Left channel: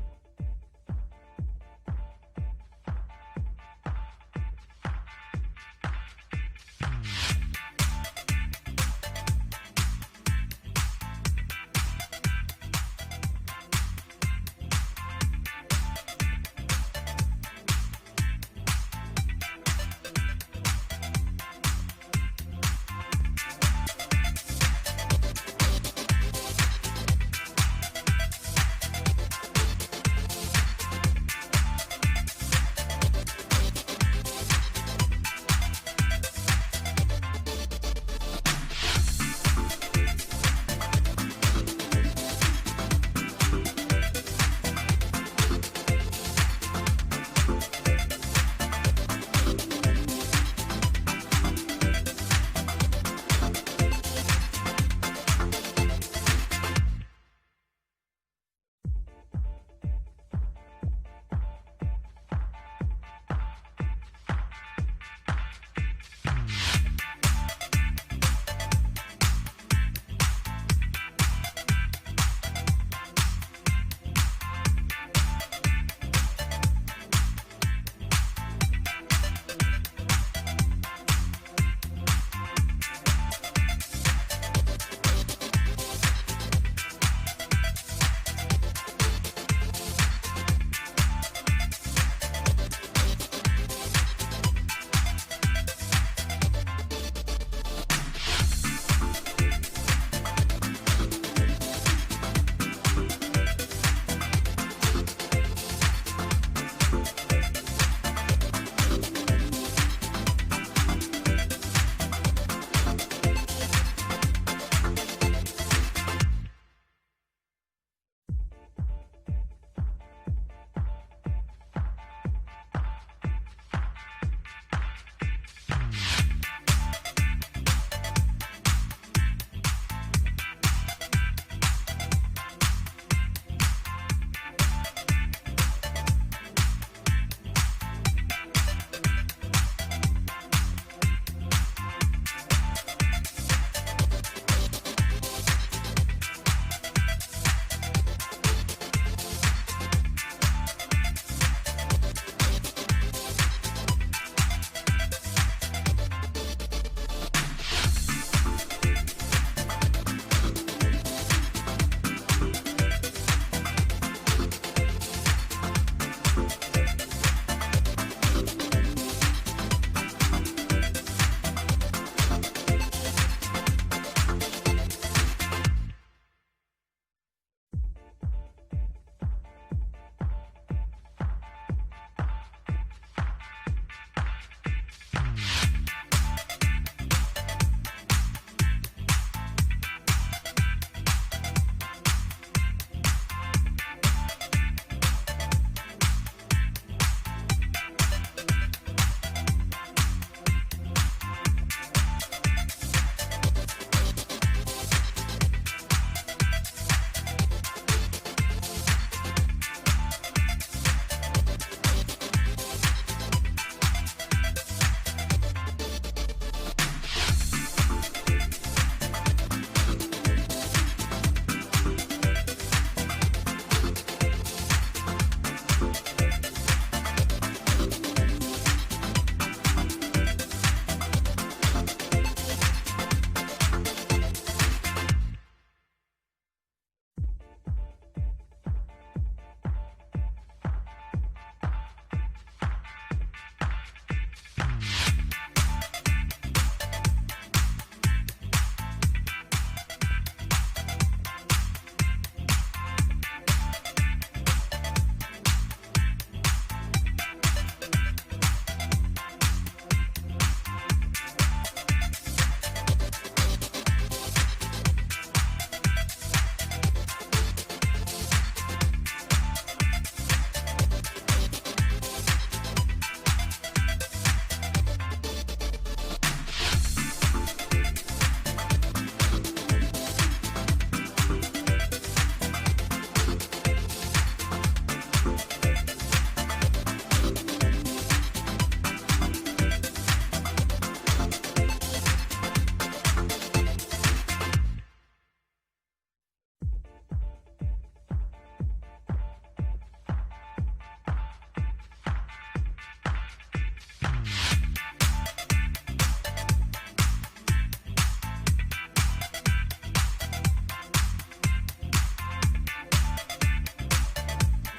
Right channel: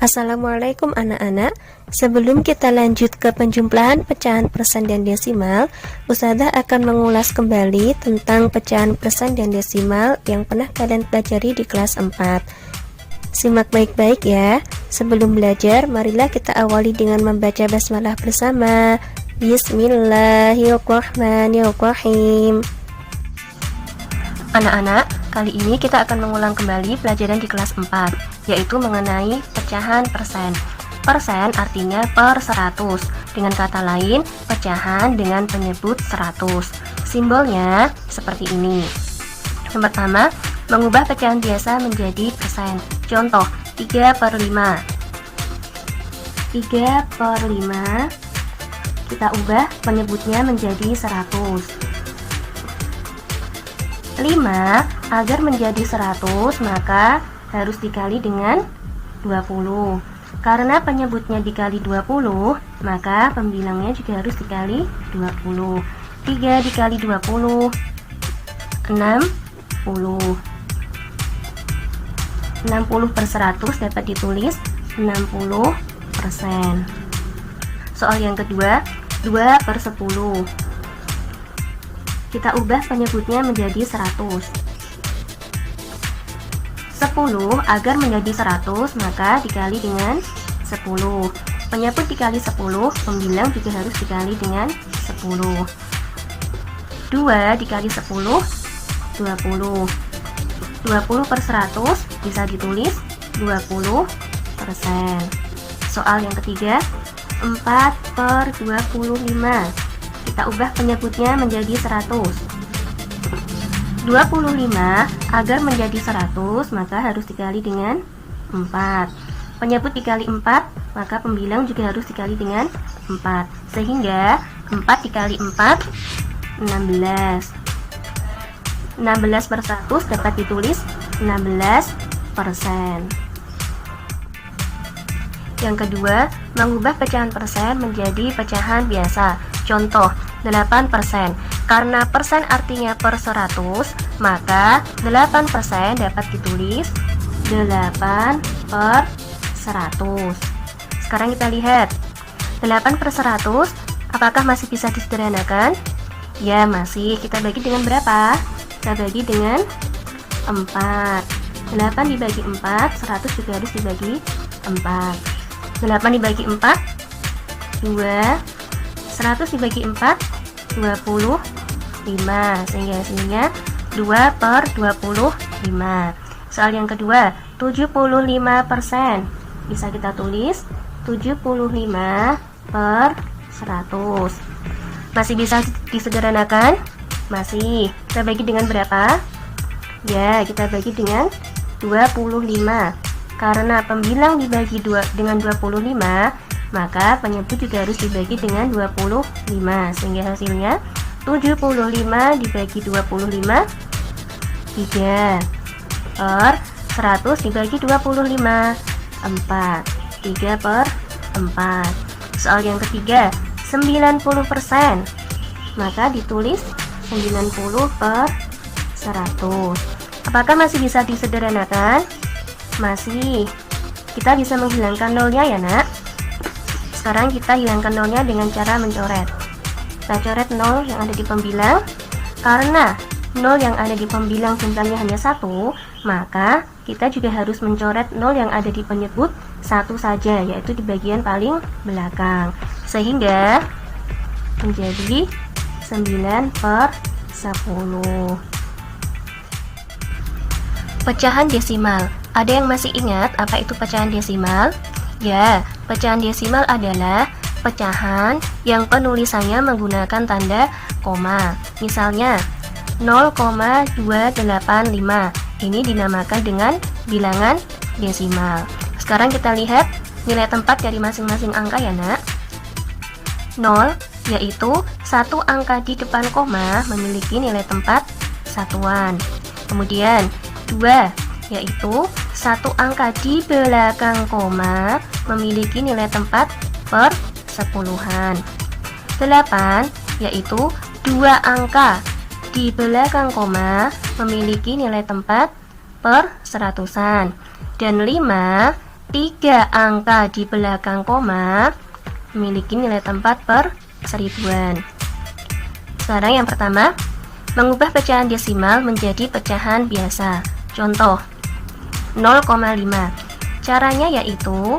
Assalamualaikum anak-anak. Sebelum kita lanjut ke penjumlahan pecahan persen dan desimal, Ustazah akan mengulas kembali tentang pecahan persen dan desimal yang pernah kalian pelajari di kelas 4. Simak baik-baik ya. Sebelum belajar, marilah kita awali dengan membaca basmalah bersama. Bismillahirrahmanirrahim. Anak-anak, kali ini kita akan mengulang kembali pelajaran di kelas 4, yaitu mengenai pecahan persen. Persen artinya per 100. Dengan kata lain, pecahan dengan penyebut 100. Simbolnya seperti ini. Yang pertama, mengubah pecahan biasa menjadi persen. Contoh, 3/5. 3/5 kita ubah penyebutnya menjadi 100. 5 agar menjadi 100 maka harus dikali dengan 20. Karena penyebutnya dikali 20, maka pembilangnya juga harus dikali 20. 3 dikali 20 60. 60/100 dapat ditulis 60%. Soal yang kedua, 2/10. Kita ubah penyebutnya menjadi 100. 10 agar menjadi 100 maka dikali dengan 10. Penyebut dikali 10, pembilang juga harus dikali dengan 10. 2 dikali 10 20. 20/100 bisa ditulis 20%. Soal yang ketiga, 4/25. Kita ubah penyebutnya menjadi 100. 25 agar menjadi 100 maka harus dikali dengan 4. Penyebut dikali 4, maka pembilang juga harus dikali dengan 4. Sehingga 4 dikali 4 16. 16/100 dapat ditulis 16%. Yang kedua, mengubah pecahan persen menjadi pecahan biasa. Contoh, 8%. Karena persen artinya per 100, maka 8% dapat ditulis 8/100. Sekarang kita lihat, 8/100 apakah masih bisa disederhanakan? Ya, masih. Kita bagi dengan berapa? Kita bagi dengan 4. 8 dibagi 4, 100 juga harus dibagi 4. 8 dibagi 4 2, 100 dibagi 4 25, sehingga hasilnya 2/25. Soal yang kedua, 75%. Bisa kita tulis 75/100. Masih bisa disederhanakan? Masih. Kita bagi dengan berapa? Ya, kita bagi dengan 25. Karena pembilang dibagi dengan 25, maka penyebut juga harus dibagi dengan 25, sehingga hasilnya 75 dibagi 25 3/100 dibagi 25 4. 3/4. Soal yang ketiga, 90%. Maka ditulis 90/100. Apakah masih bisa disederhanakan? Masih. Kita bisa menghilangkan nolnya ya nak. Sekarang kita hilangkan nolnya dengan cara mencoret. Kita coret 0 yang ada di pembilang. Karena 0 yang ada di pembilang jumlahnya hanya 1, maka kita juga harus mencoret 0 yang ada di penyebut 1 saja, yaitu di bagian paling belakang. Sehingga menjadi 9/10. Pecahan desimal. Ada yang masih ingat apa itu pecahan desimal? Ya, pecahan desimal adalah pecahan yang penulisannya menggunakan tanda koma. Misalnya 0,285. Ini dinamakan dengan bilangan desimal. Sekarang kita lihat nilai tempat dari masing-masing angka ya nak. 0 yaitu satu angka di depan koma memiliki nilai tempat satuan. Kemudian 2 yaitu satu angka di belakang koma memiliki nilai tempat per sepuluhan. 8 yaitu dua angka di belakang koma memiliki nilai tempat per seratusan. Dan 5 tiga angka di belakang koma memiliki nilai tempat per seribuan. Sekarang yang pertama, mengubah pecahan desimal menjadi pecahan biasa. Contoh 0,5. Caranya yaitu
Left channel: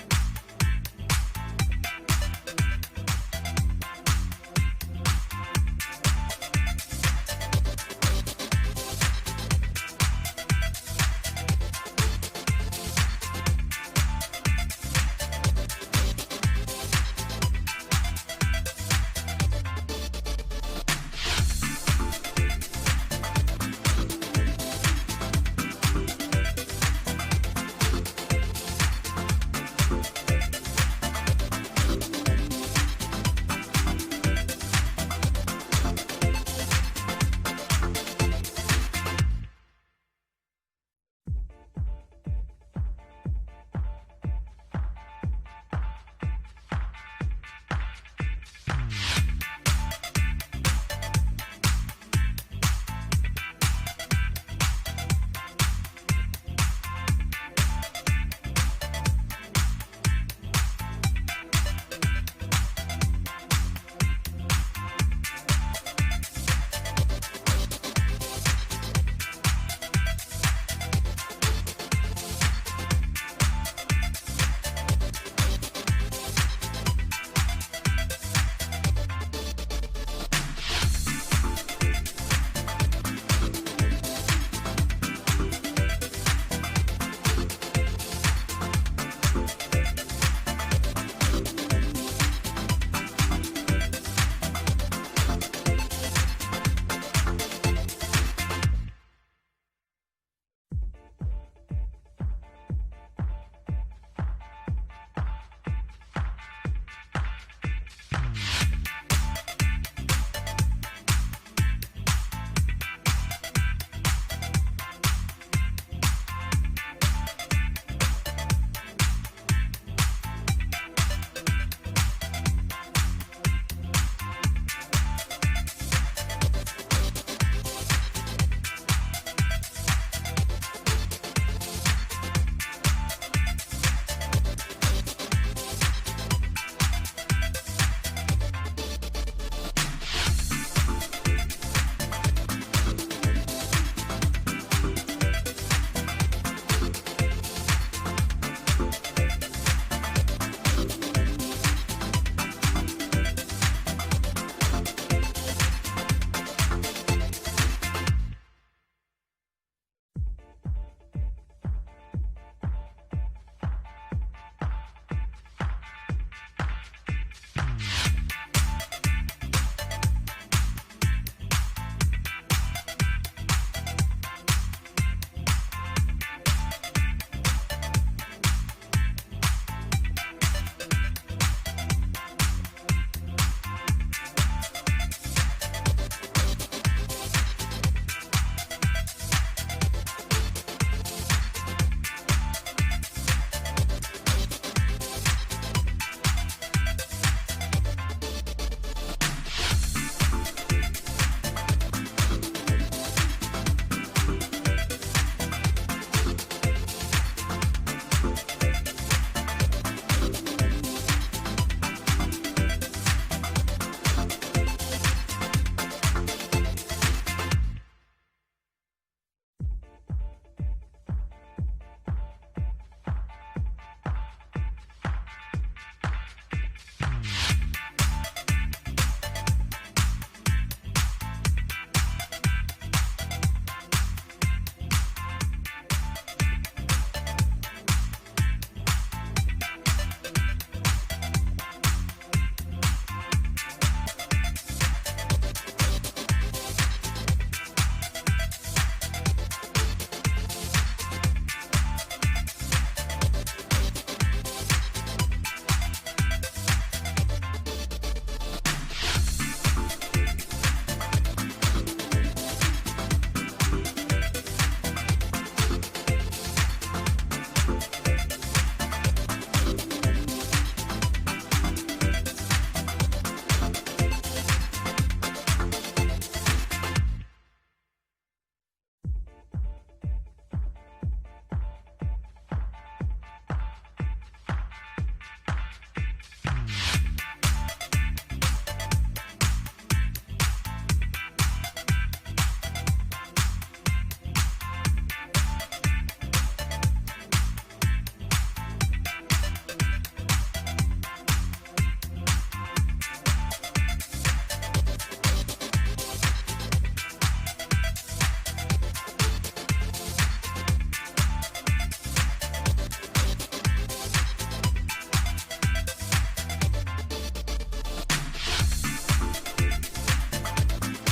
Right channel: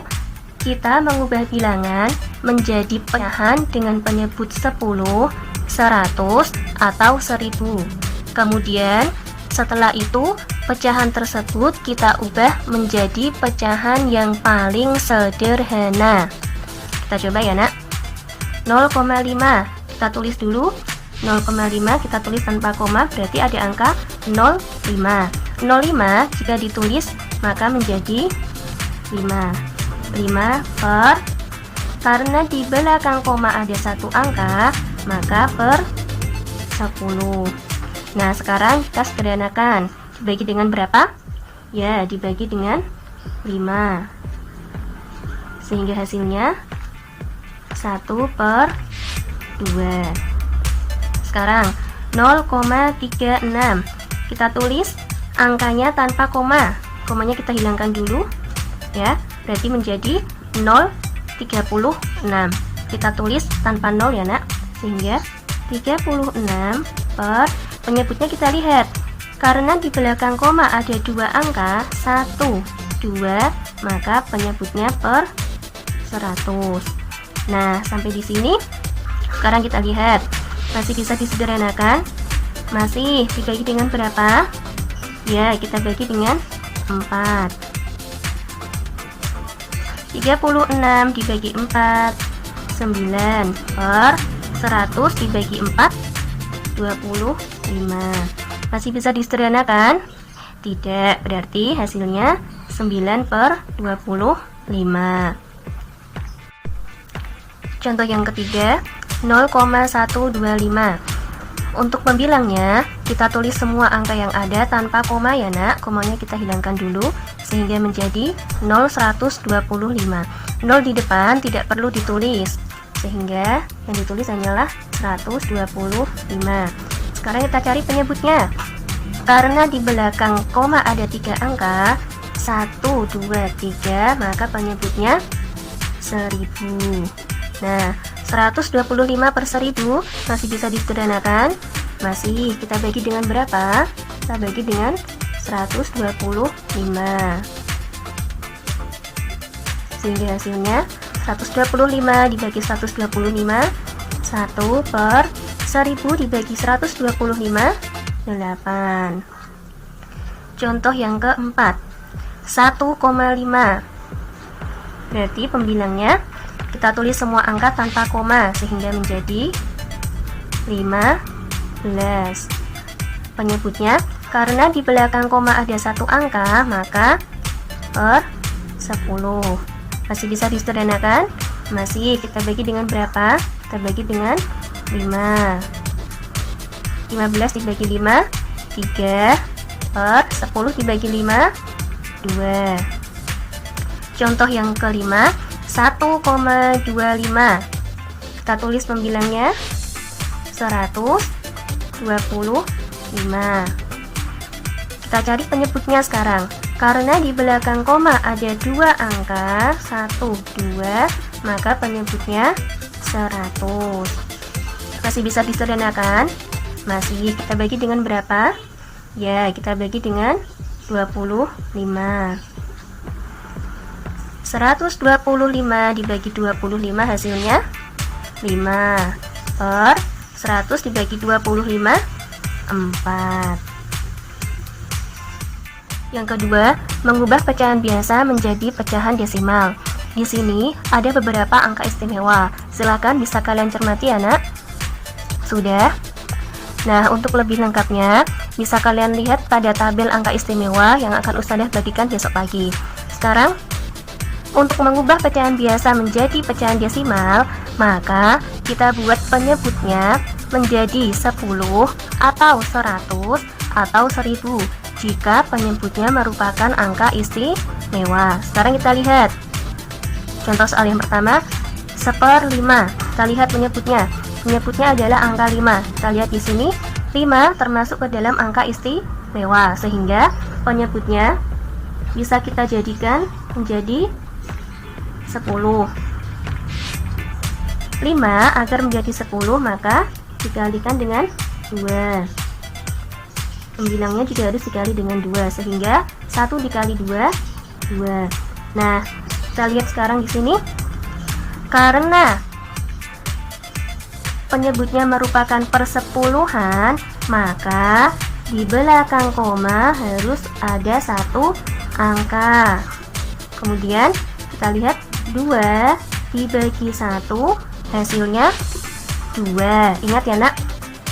kita mengubah bilangan menjadi pecahan dengan penyebut 10, 100, atau 1000. Kemudian setelah itu pecahan tersebut kita ubah menjadi pecahan yang paling sederhana. Kita coba ya nak. 0,5 kita tulis dulu. 0,5 kita tulis tanpa koma, berarti ada angka 0,5. 0,5 jika ditulis maka menjadi 5. 5 per, karena di belakang koma ada satu angka, maka per 10. Nah, sekarang kita sederhanakan. Dibagi dengan berapa? Ya, dibagi dengan 5. Sehingga hasilnya 1 per 2. Sekarang 0,36. Kita tulis angkanya tanpa koma. Komanya kita hilangkan dulu. Ya, berarti menjadi 0,36. Kita tulis tanpa 0 ya nak. Sehingga 36 per, penyebutnya kita lihat. Karena di belakang koma ada dua angka, 1, 2, maka penyebutnya per 100. Nah, sampai di sini. Sekarang kita lihat. Masih bisa disederhanakan? Masih. Dibagi dengan berapa? Ya, kita bagi dengan 4. 36 dibagi 4, 9 per 100 dibagi 4, 25. Masih bisa disederhanakan? Tidak, berarti hasilnya 9 per 25. Contoh yang ketiga, 0,125. Untuk membilangnya, kita tulis semua angka yang ada tanpa koma ya nak. Komanya kita hilangkan dulu sehingga menjadi 0,125. 0 di depan tidak perlu ditulis, sehingga yang ditulis hanyalah 125. Sekarang kita cari penyebutnya. Karena di belakang koma ada 3 angka, 1, 2, 3, maka penyebutnya 1000. Nah, 125 per 1000 masih bisa disederhanakan? Masih. Kita bagi dengan berapa? Kita bagi dengan 125. Sehingga hasilnya 125 dibagi 125, 1 per 1000 dibagi 125, 8. Contoh yang keempat, 1,5. Berarti pembilangnya kita tulis semua angka tanpa koma sehingga menjadi 15. Penyebutnya, karena di belakang koma ada satu angka, maka per 10. Masih bisa disederhanakan? Masih. Kita bagi dengan berapa? Kita bagi dengan 5. 15 dibagi 5, 3 per 10 dibagi 5, 2. Contoh yang kelima, 1,25. Kita tulis pembilangnya 125. Kita cari penyebutnya sekarang. Karena di belakang koma ada dua angka, 1, 2, maka penyebutnya 100. Masih bisa disederhanakan? Masih. Kita bagi dengan berapa? Ya, kita bagi dengan 25. 125 dibagi 25 hasilnya 5 per 100 dibagi 25, 4. Yang kedua, mengubah pecahan biasa menjadi pecahan desimal. Di sini ada beberapa angka istimewa. Silakan bisa kalian cermati ya nak. Sudah? Nah, untuk lebih lengkapnya bisa kalian lihat pada tabel angka istimewa yang akan Ustadzah bagikan besok pagi. Sekarang, untuk mengubah pecahan biasa menjadi pecahan desimal, maka kita buat penyebutnya menjadi 10 atau 100 atau 1000 jika penyebutnya merupakan angka istimewa. Sekarang kita lihat contoh soal yang pertama, 1/5. Kita lihat penyebutnya. Penyebutnya adalah angka 5. Kita lihat di sini 5 termasuk ke dalam angka istimewa, sehingga penyebutnya bisa kita jadikan menjadi 10. 5 agar menjadi 10 maka dikalikan dengan 2. 9-nya juga harus dikali dengan 2 sehingga 1 dikali 2 2. Nah, kita lihat sekarang di sini. Karena penyebutnya merupakan persepuluhan, maka di belakang koma harus ada satu angka. Kemudian kita lihat 2 dibagi 1 hasilnya 2. Ingat ya nak,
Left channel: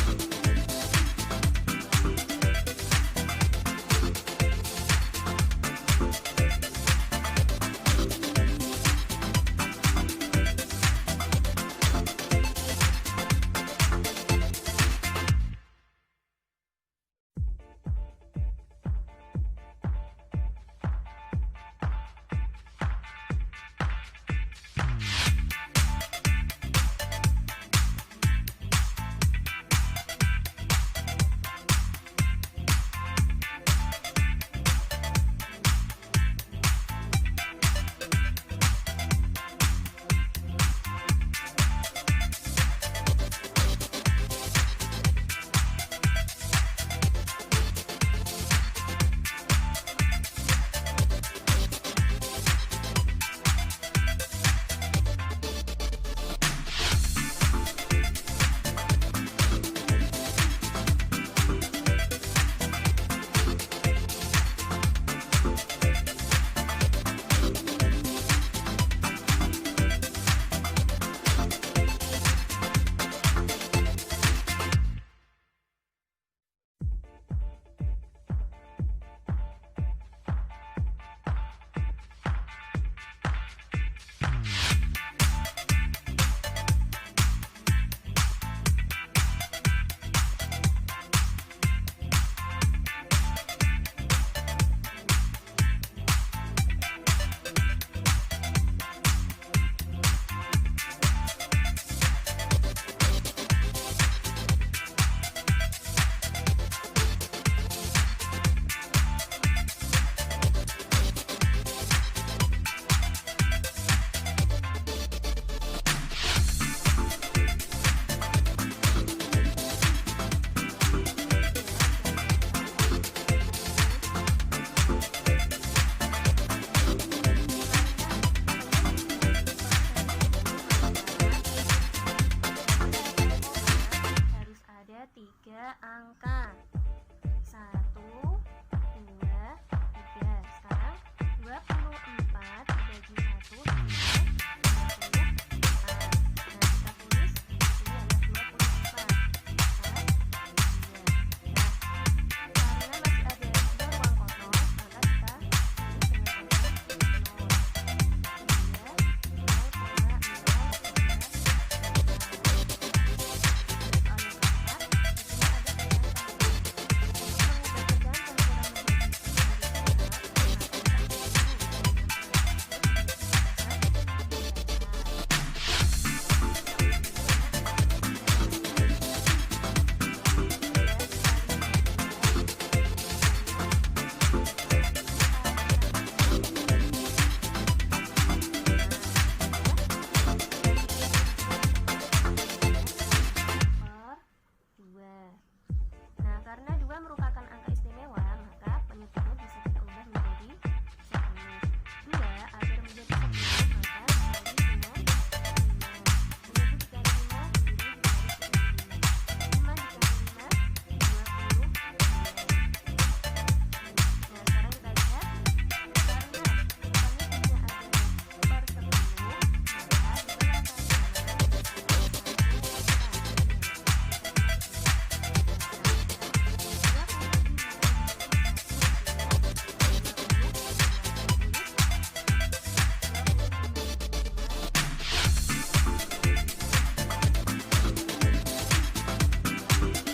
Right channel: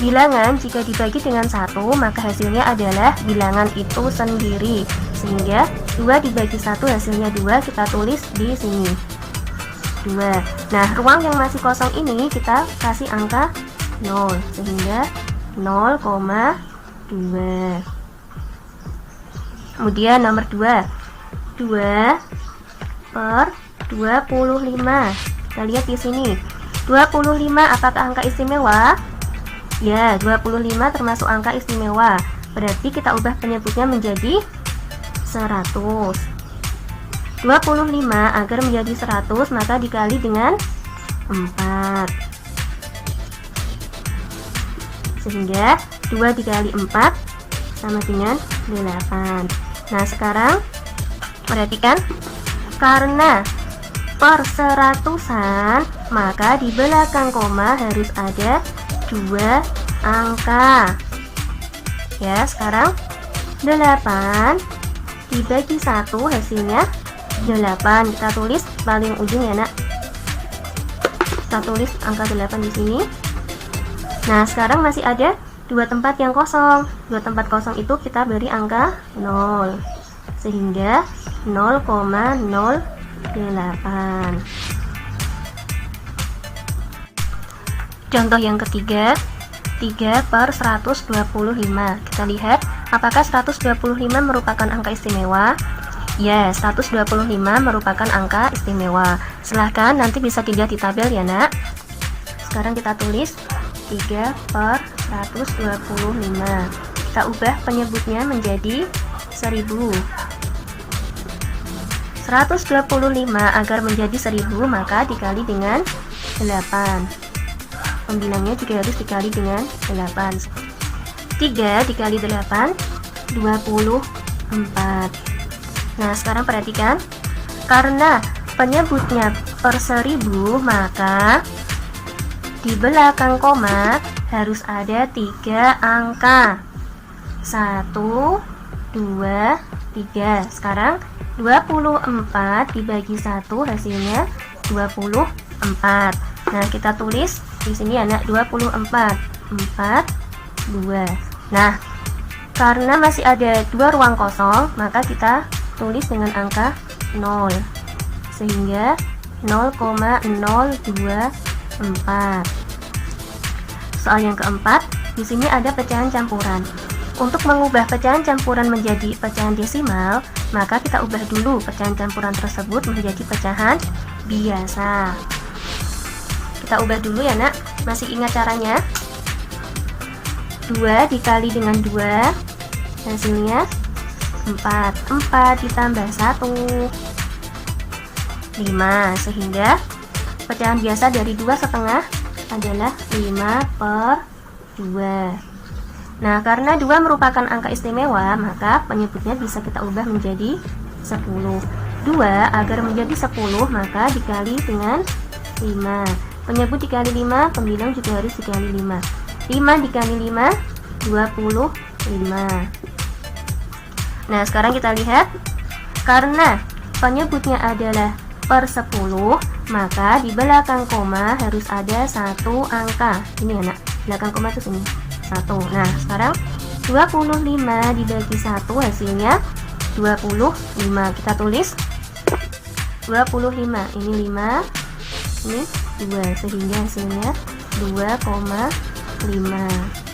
bilangan jika dibagi dengan 1 maka hasilnya adalah bilangan itu sendiri. Sehingga 2 dibagi 1 hasilnya 2, kita tulis di sini 2. Nah, ruang yang masih kosong ini kita kasih angka 0 sehingga 0,2. Kemudian nomor 2 per 25. Kita lihat di sini 25 apakah angka istimewa? Ya, 25 termasuk angka istimewa. Berarti kita ubah penyebutnya menjadi 100. 25 agar menjadi 100 maka dikali dengan 4. Sehingga 2 dikali 4 sama dengan 8. Nah, sekarang perhatikan, karena per seratusan maka di belakang koma harus ada 2 angka. Ya, sekarang 8 dibagi 1 hasilnya 8. Kita tulis paling ujung ya nak. Kita tulis angka 8 di sini. Nah, sekarang masih ada 2 tempat yang kosong. 2 tempat kosong itu kita beri angka 0. Sehingga 0,08. Contoh yang ketiga, 3 per 125. Kita lihat apakah 125 merupakan angka istimewa? Ya, 125 merupakan angka istimewa. Silahkan nanti bisa dilihat di tabel ya nak. Sekarang kita tulis 3 per 125. Kita ubah penyebutnya menjadi 1000. 125 agar menjadi 1000 maka dikali dengan 8. 9-nya juga harus dikali dengan 8. 3 dikali 8 24. Nah, sekarang perhatikan, karena penyebutnya per 1000 maka di belakang koma harus ada 3 angka. 1, 2, 3. Sekarang 24 dibagi 1 hasilnya 24. Nah, kita tulis di sini anak 24 4 2. Nah, karena masih ada 2 ruang kosong maka kita tulis dengan angka 0 sehingga 0,024. Soal yang keempat, di sini ada pecahan campuran. Untuk mengubah pecahan campuran menjadi pecahan desimal, maka kita ubah dulu pecahan campuran tersebut menjadi pecahan biasa. Kita ubah dulu ya nak. Masih ingat caranya? 2 dikali dengan 2 hasilnya 4. 4 ditambah 1 5. Sehingga pecahan biasa dari 2,5 adalah 5 per 2. Nah, karena 2 merupakan angka istimewa, maka penyebutnya bisa kita ubah menjadi 10. 2 agar menjadi 10 maka dikali dengan 5. Penyebut dikali 5, pembilang juga harus dikali 5. 5 dikali 5 25. Nah, sekarang kita lihat, karena penyebutnya adalah per 10 maka di belakang koma harus ada 1 angka. Ini anak, belakang koma itu sini 1. Nah, sekarang 25 dibagi 1 hasilnya 25. Kita tulis 25. Ini 5, ini 2 sehingga hasilnya 2,5.